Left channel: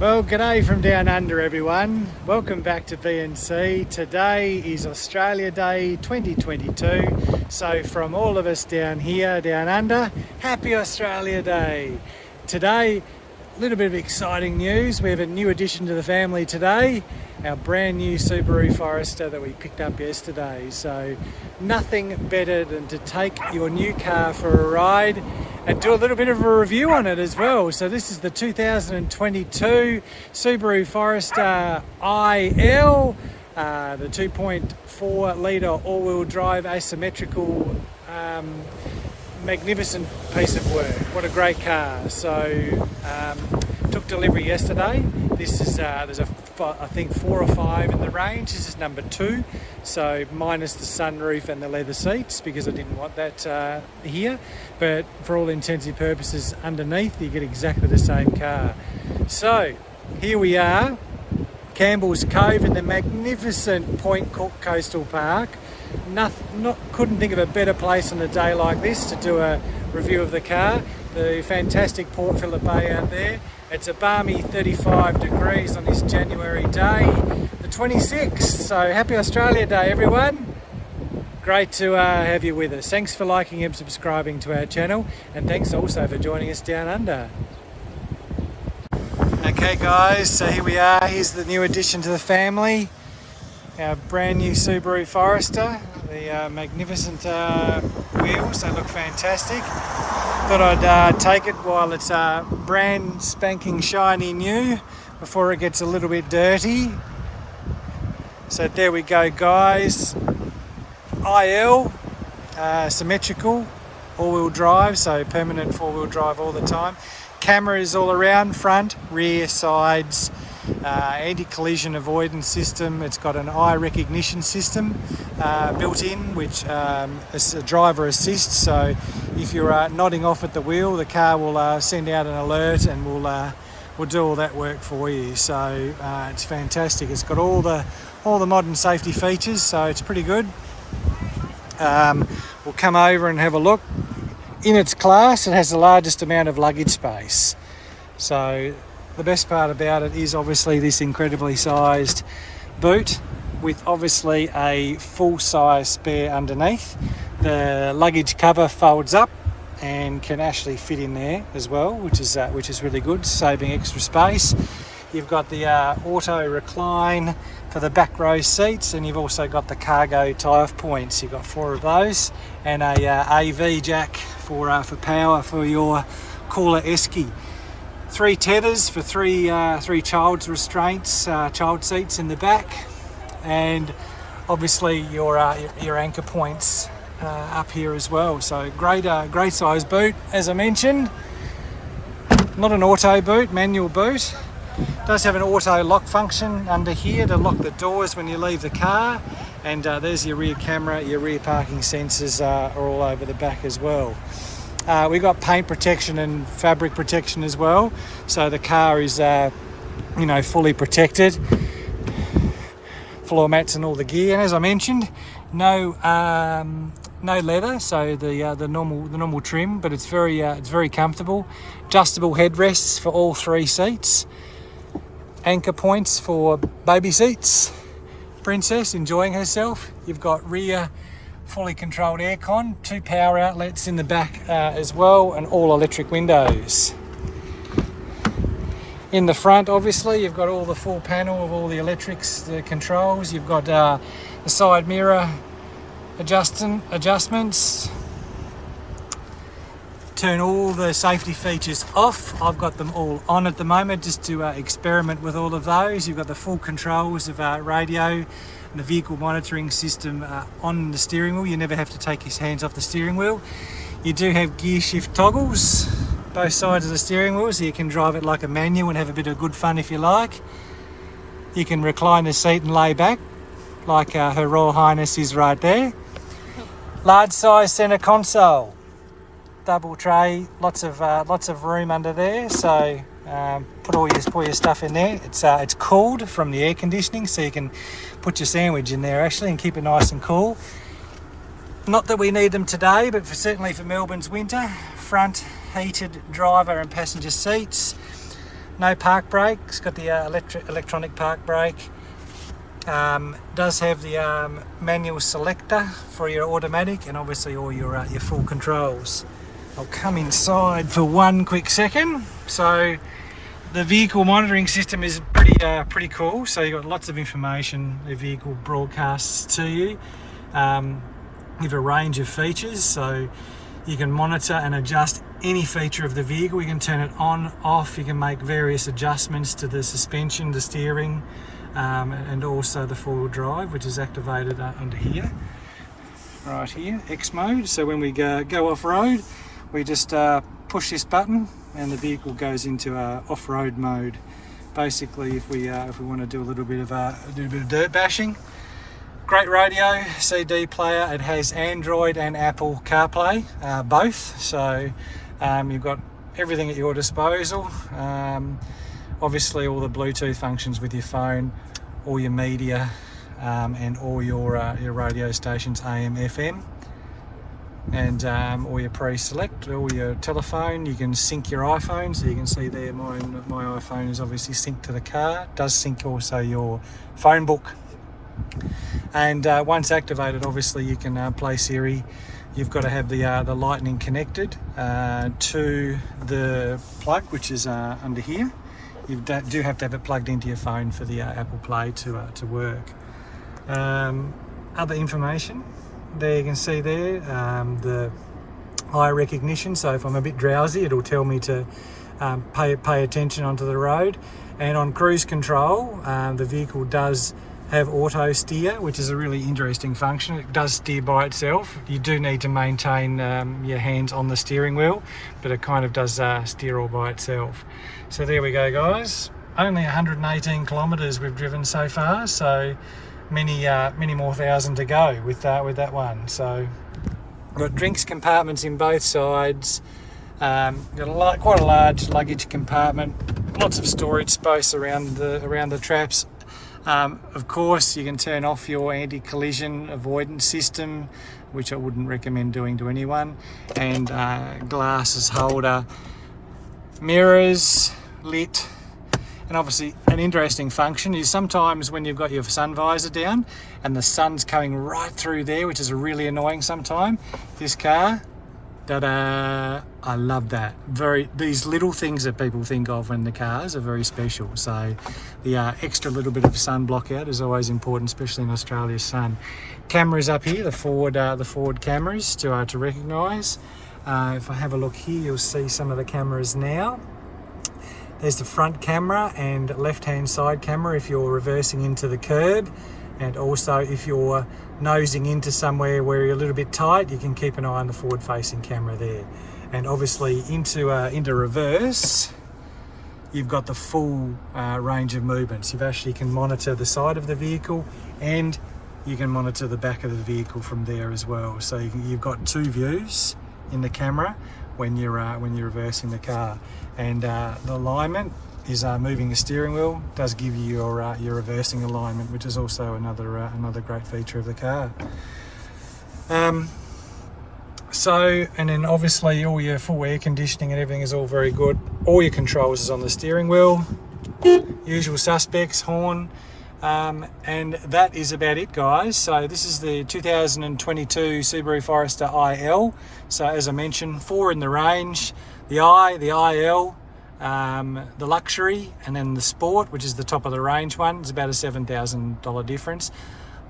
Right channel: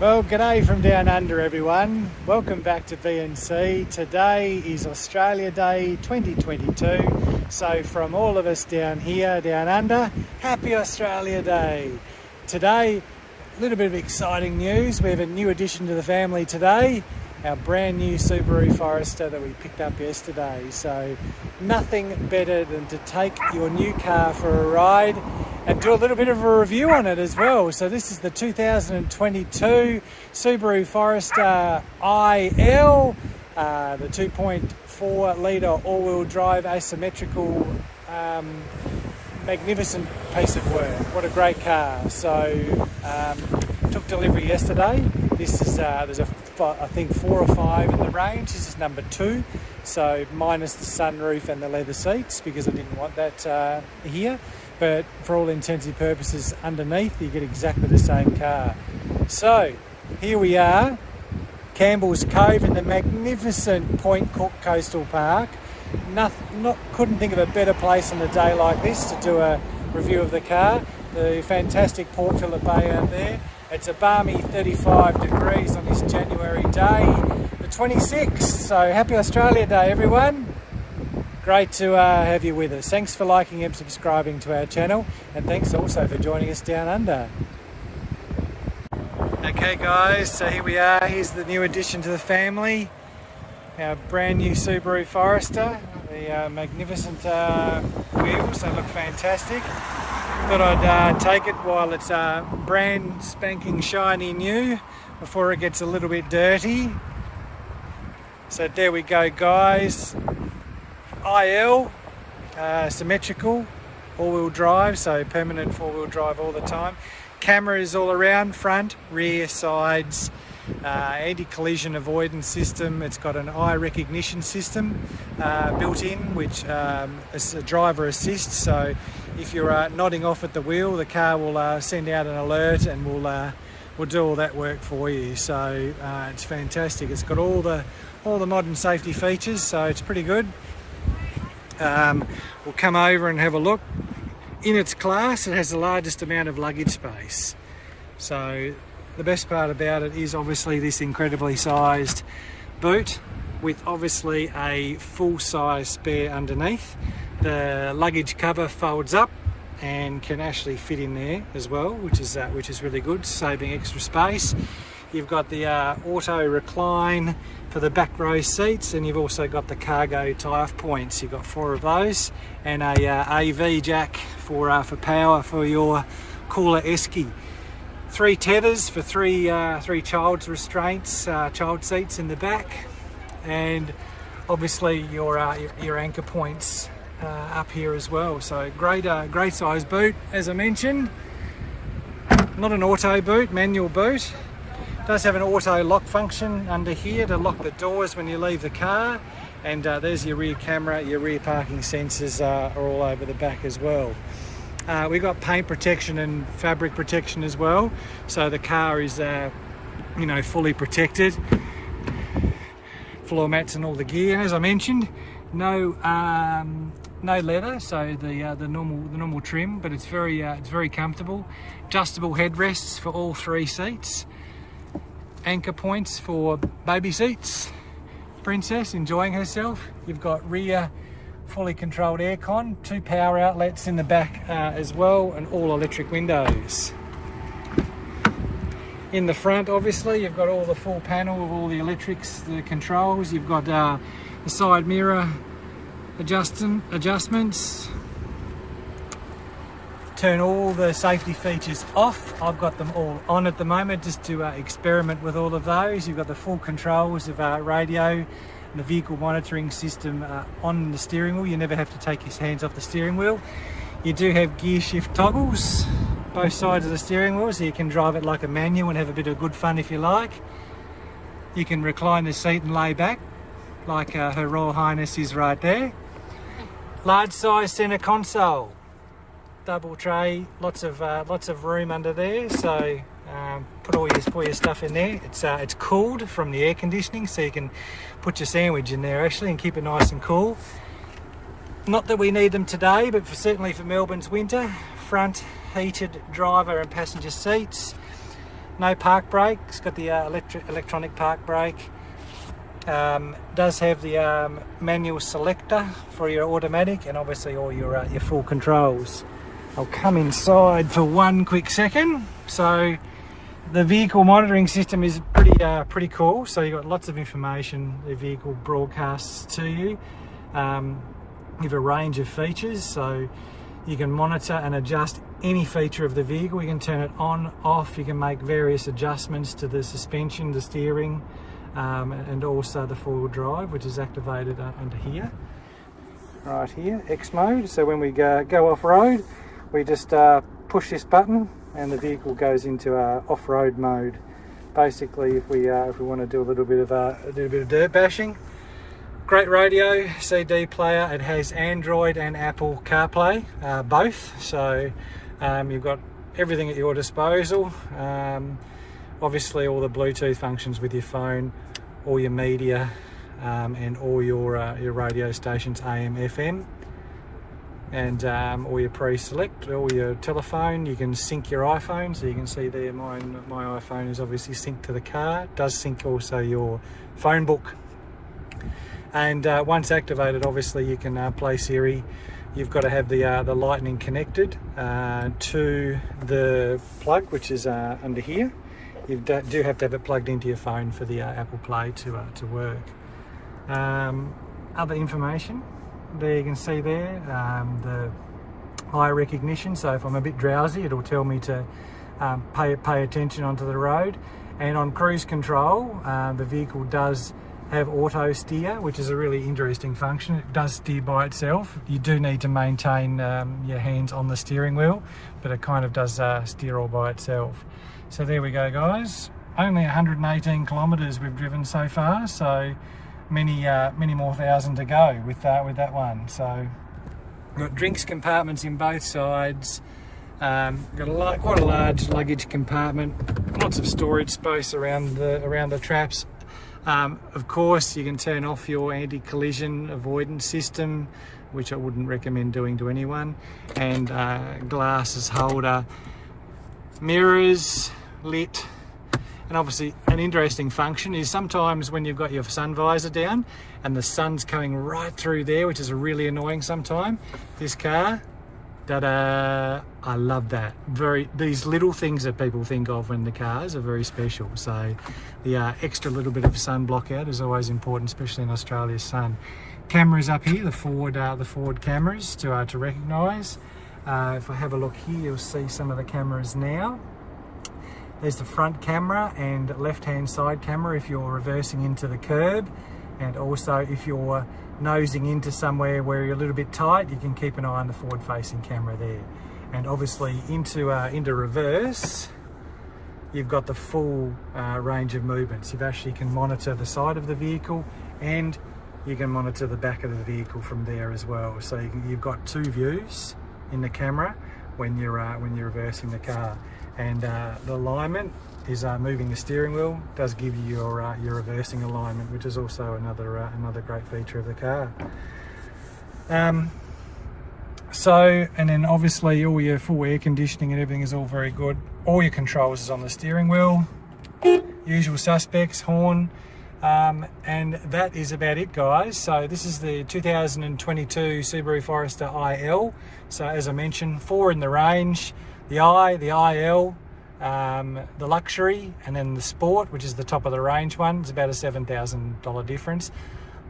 Well, g'day from down under, everyone. Welcome back to B&C. Today is Australia Day 2022. So from all of us down here, down under, happy Australia Day. Today, a little bit of exciting news. We have a new addition to the family today, our brand new Subaru Forester that we picked up yesterday. So nothing better than to take your new car for a ride and do a little bit of a review on it as well. So this is the 2022 Subaru Forester IL, the 2.4 litre all-wheel drive asymmetrical, magnificent piece of work. What a great car. So took delivery yesterday. This is there's I think 4 or 5 in the range. This is number 2, so minus the sunroof and the leather seats, because I didn't want that here. But for all intents purposes, underneath you get exactly the same car. So here we are, Campbell's Cove in the magnificent Point Cook Coastal Park. Couldn't think of a better place on a day like this to do a review of the car. The fantastic Port Phillip Bay out there. It's a balmy 35 degrees on this January day, the 26th. So happy Australia Day, everyone. Great to have you with us. Thanks for liking and subscribing to our channel, and thanks also for joining us down under. Okay guys, so here we are. Here's the new addition to the family, our brand new Subaru Forester. The magnificent wheels, they look fantastic. Thought I'd take it while it's brand spanking shiny new before it gets a little bit dirty. So there we go guys. IL, symmetrical, all-wheel drive, so permanent four-wheel drive all the time. Cameras all around, front, rear, sides, anti-collision avoidance system. It's got an eye recognition system built in, which is a driver assist. So if you're nodding off at the wheel, the car will send out an alert and will do all that work for you. So it's fantastic. It's got all the modern safety features, so it's pretty good. We'll come over and have a look. In its class, it has the largest amount of luggage space. So the best part about it is obviously this incredibly sized boot with obviously a full-size spare underneath. The luggage cover folds up and can actually fit in there as well, which is really good, saving extra space. You've got the auto recline for the back row seats, and you've also got the cargo tie-off points. You've got 4 of those, and a AV jack for power for your cooler esky. 3 tethers for three child restraints, child seats in the back, and obviously your anchor points up here as well. So great size boot, as I mentioned. Not an auto boot, manual boot. Does have an auto lock function under here to lock the doors when you leave the car, and there's your rear camera. Your rear parking sensors are all over the back as well. We've got paint protection and fabric protection as well, so the car is fully protected. Floor mats and all the gear, and as I mentioned, no leather, so the normal trim, but it's very comfortable. Adjustable headrests for all 3 seats. Anchor points for baby seats. Princess enjoying herself. You've got rear fully controlled aircon, 2 power outlets in the back as well, and all electric windows. In the front, obviously, you've got all the full panel of all the electrics, the controls. You've got the side mirror adjustments. Turn all the safety features off. I've got them all on at the moment just to experiment with all of those. You've got the full controls of radio and the vehicle monitoring system on the steering wheel. You never have to take your hands off the steering wheel. You do have gear shift toggles both sides of the steering wheel, so you can drive it like a manual and have a bit of good fun if you like. You can recline the seat and lay back like Her Royal Highness is right there. Large size centre console. Double tray, lots of room under there, so put all your stuff in there. It's cooled from the air conditioning, so you can put your sandwich in there actually and keep it nice and cool. Not that we need them today, but certainly for Melbourne's winter. Front heated driver and passenger seats. No park brake. It's got the electronic park brake. Does have the manual selector for your automatic, and obviously all your full controls. I'll come inside for one quick second. So the vehicle monitoring system is pretty cool. So you've got lots of information the vehicle broadcasts to you. You have a range of features, so you can monitor and adjust any feature of the vehicle. You can turn it on, off. You can make various adjustments to the suspension, the steering, and also the four-wheel drive, which is activated under here, right here, X mode. So when we go off-road, we just push this button and the vehicle goes into off-road mode. Basically, if we want to do a little bit of dirt bashing. Great radio, CD player. It has Android and Apple CarPlay, both. So you've got everything at your disposal. Obviously, all the Bluetooth functions with your phone, all your media, and all your radio stations, AM, FM. And all your pre-select, all your telephone. You can sync your iPhone, so you can see there my iPhone is obviously synced to the car. It does sync also your phone book. And once activated, obviously you can play Siri. You've got to have the lightning connected to the plug, which is under here. You do have to have it plugged into your phone for the Apple Play to work. Other information. There you can see there the eye recognition, so if I'm a bit drowsy it'll tell me to pay attention onto the road. And on cruise control, the vehicle does have auto steer, which is a really interesting function. It does steer by itself. You do need to maintain your hands on the steering wheel, but it kind of does steer all by itself. So there we go, guys. Only 118 kilometers we've driven so far, so many more thousand to go with that one. So we've got drinks compartments in both sides. Got quite a large luggage compartment, lots of storage space around the traps. Of course, you can turn off your anti-collision avoidance system, which I wouldn't recommend doing to anyone, and glasses holder, mirrors, lit. And obviously an interesting function is sometimes when you've got your sun visor down and the sun's coming right through there, which is really annoying sometimes, this car, ta-da, I love that. These little things that people think of when the cars are very special. So the extra little bit of sun block out is always important, especially in Australia's sun. Cameras up here, the forward cameras to recognise. If I have a look here, you'll see some of the cameras now. There's the front camera and left-hand side camera if you're reversing into the curb, and also if you're nosing into somewhere where you're a little bit tight, you can keep an eye on the forward-facing camera there. And obviously into reverse, you've got the full range of movements. You actually can monitor the side of the vehicle and you can monitor the back of the vehicle from there as well. So you've got two views in the camera when you're reversing the car. And the alignment is moving the steering wheel does give you your reversing alignment, which is also another great feature of the car. And then obviously all your full air conditioning and everything is all very good. All your controls is on the steering wheel, usual suspects, horn, and that is about it, guys. So this is the 2022 Subaru Forester IL. So as I mentioned, 4 in the range, the I, the IL, the luxury, and then the sport, which is the top of the range one. It's about a $7,000 difference.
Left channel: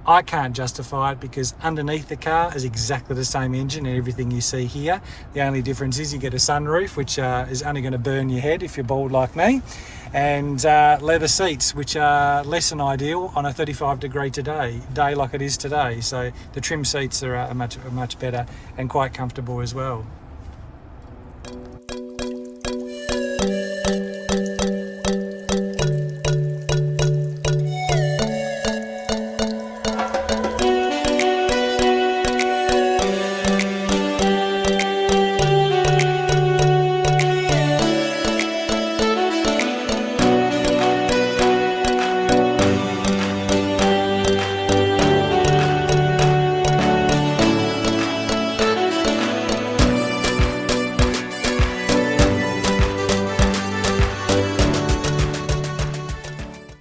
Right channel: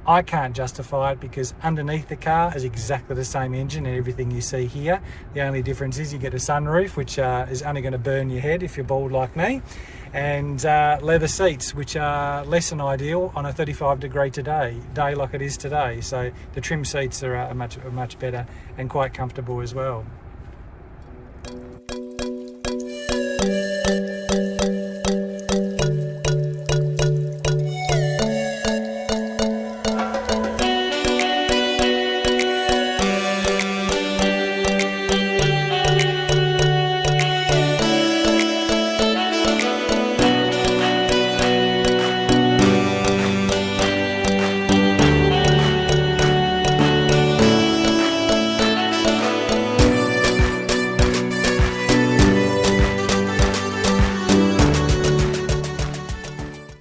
I can't justify it because underneath the car is exactly the same engine and everything you see here. The only difference is you get a sunroof, which is only going to burn your head if you're bald like me, and leather seats, which are less than ideal on a 35-degree day like it is today. So the trim seats are much better and quite comfortable as well.